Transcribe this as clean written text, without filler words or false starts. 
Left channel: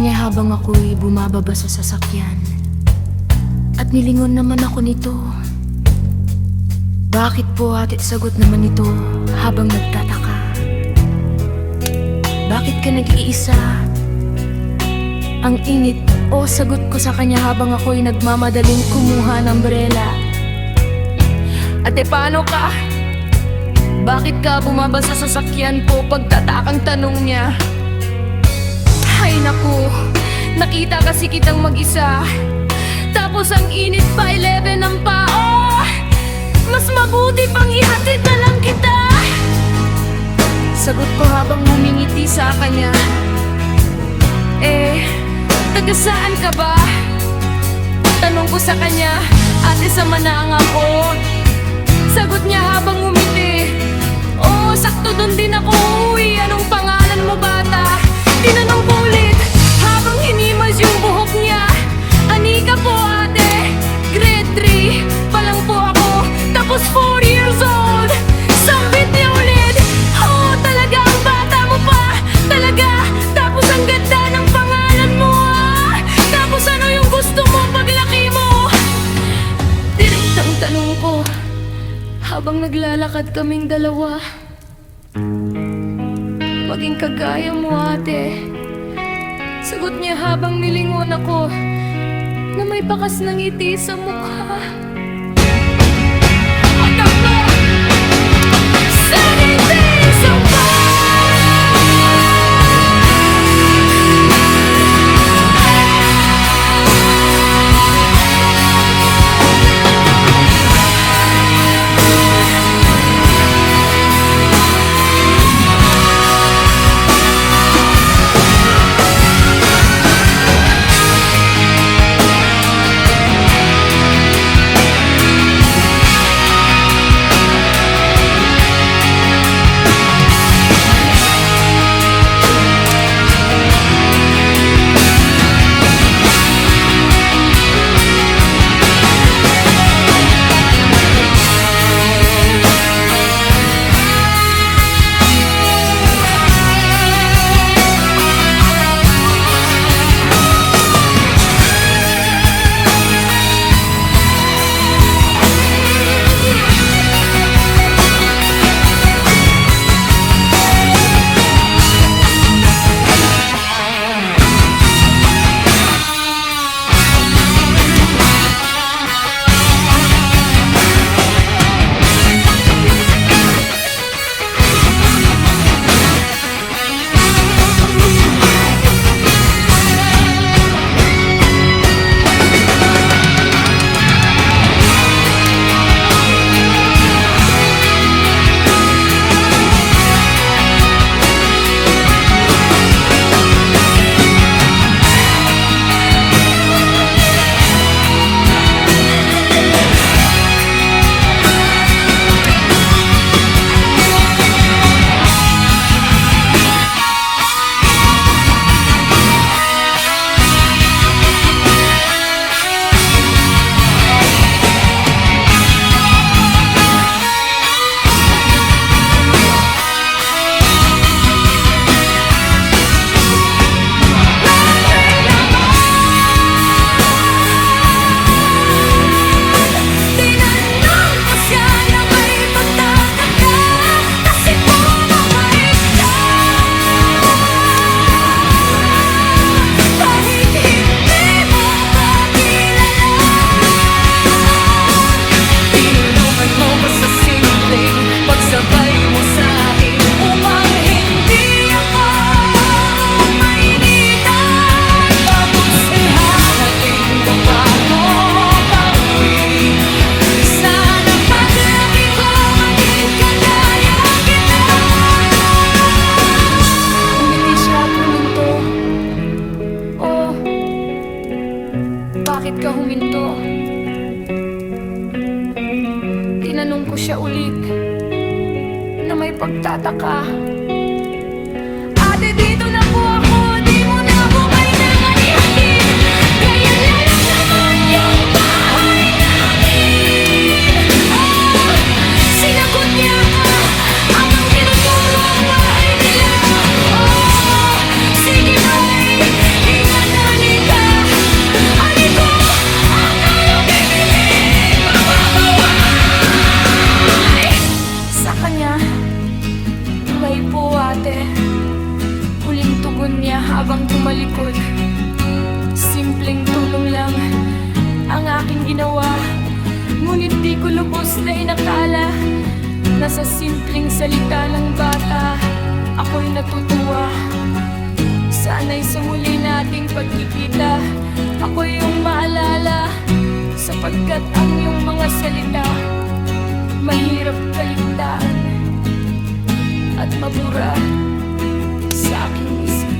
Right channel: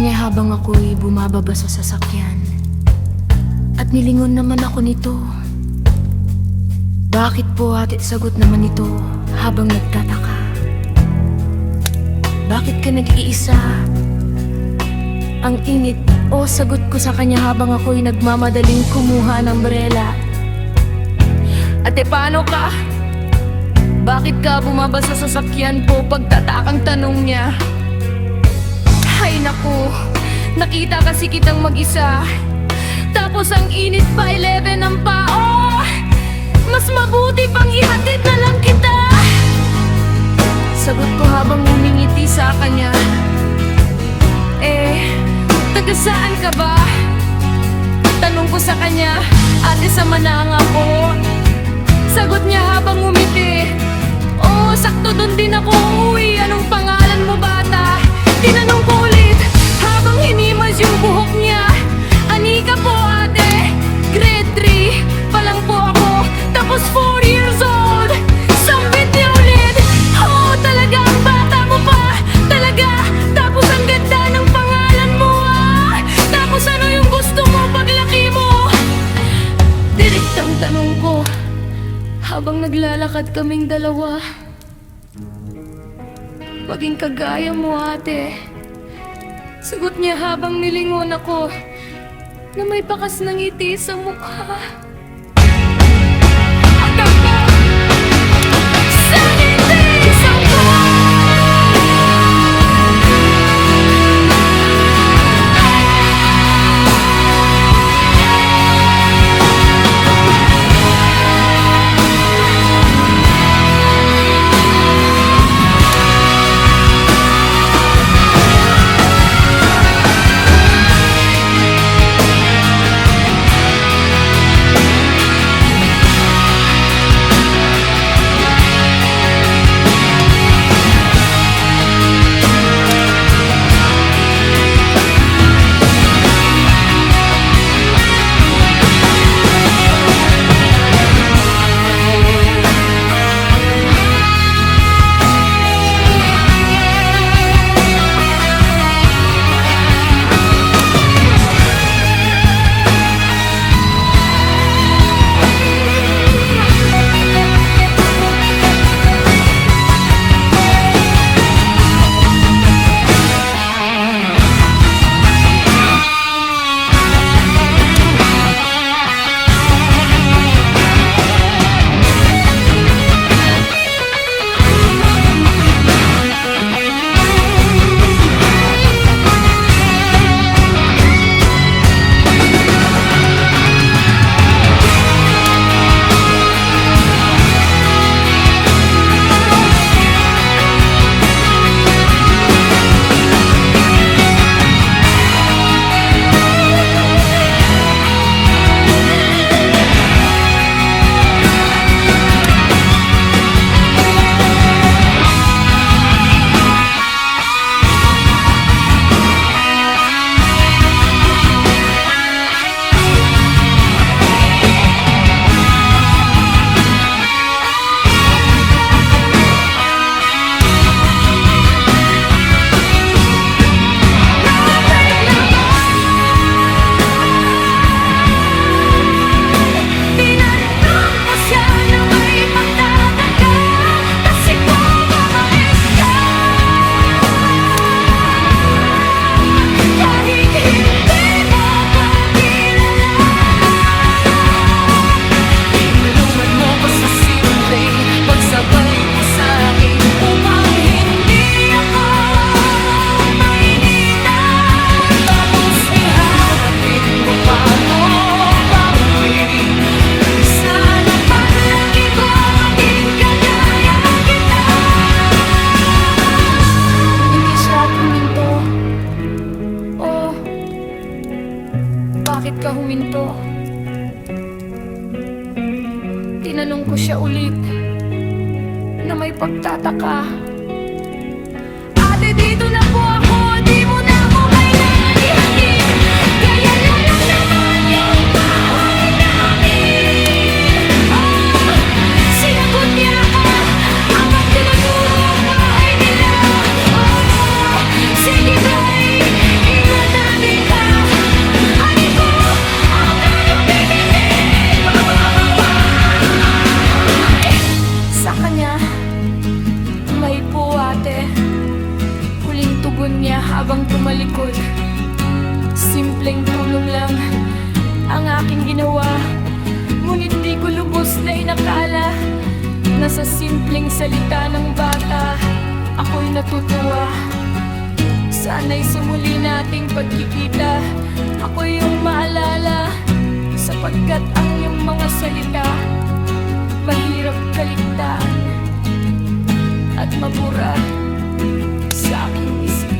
kanya habang ako'y bumababa sa sasakyan. At nilingon naman ako nito. Bakit po ate? Sagot naman nito habang nagtataka. Bakit ka nag-iisa? Ang init, sagot ko sa kanya habang ako'y nagmamadaling kumuha ng umbrella. Ate, paano ka? Bakit ka bumaba sa sasakyan po? Pagtatakang tanong niya. Ay naku, nakita kasi kitang mag-isa. Tapos ang init pa 11 ang pao. Mas mabuti pang ihatid na lang kita. Sagot ko habang humingiti sa kanya. Taga saan ka ba? Tanong ko sa kanya. Ate, sa Manang ako. Sagot niya habang ngumiti. Sakto doon din ako uuwi. Anong pangalan mo, bata? Tinanong ko ulit habang hinimas yung buhok niya. Anika po ate, grade 3 pa lang po ako. Tapos 4 years old. Sambit niya ulit. Talaga ang bata mo pa. Talaga. Tapos ang ganda ng pangalan mo Tapos ano yung gusto mo paglaki mo? Direktang tanong ko habang naglalakad kaming dalawa. Maging kagaya mo ate. Sagot niya habang nilingon ako na may bakas ng ngiti sa mukha. At ako sa ngiti sa sa simpleng pagsabay mo sa'kin upang hindi ako mainitan. Tapos ihahatid mo pa ako pauwi. Sana paglaki ko maging kagaya kita. Umiti siya at huminto. Bakit ka huminto? Tinanong ko siya ulit na may pagtataka. Ate, dito na po ako. Di mo na ako kailangan ihatid. Kaya lang naman yung bahay namin. Sinagot niya ako habang tinuturo ang bahay nila. Sige bye, ingat ate. Huling tugon niya habang tumalikod. Simpleng tulong lang ang aking ginawa. Ngunit di ko lubos na inakala na sa simpleng salita ng bata ako'y natutuwa. Sana'y sa muli nating pagkikita ako yung maalala, sapagkat ang iyong mga salita mahirap kaligtaan at mabura sa aking isipan.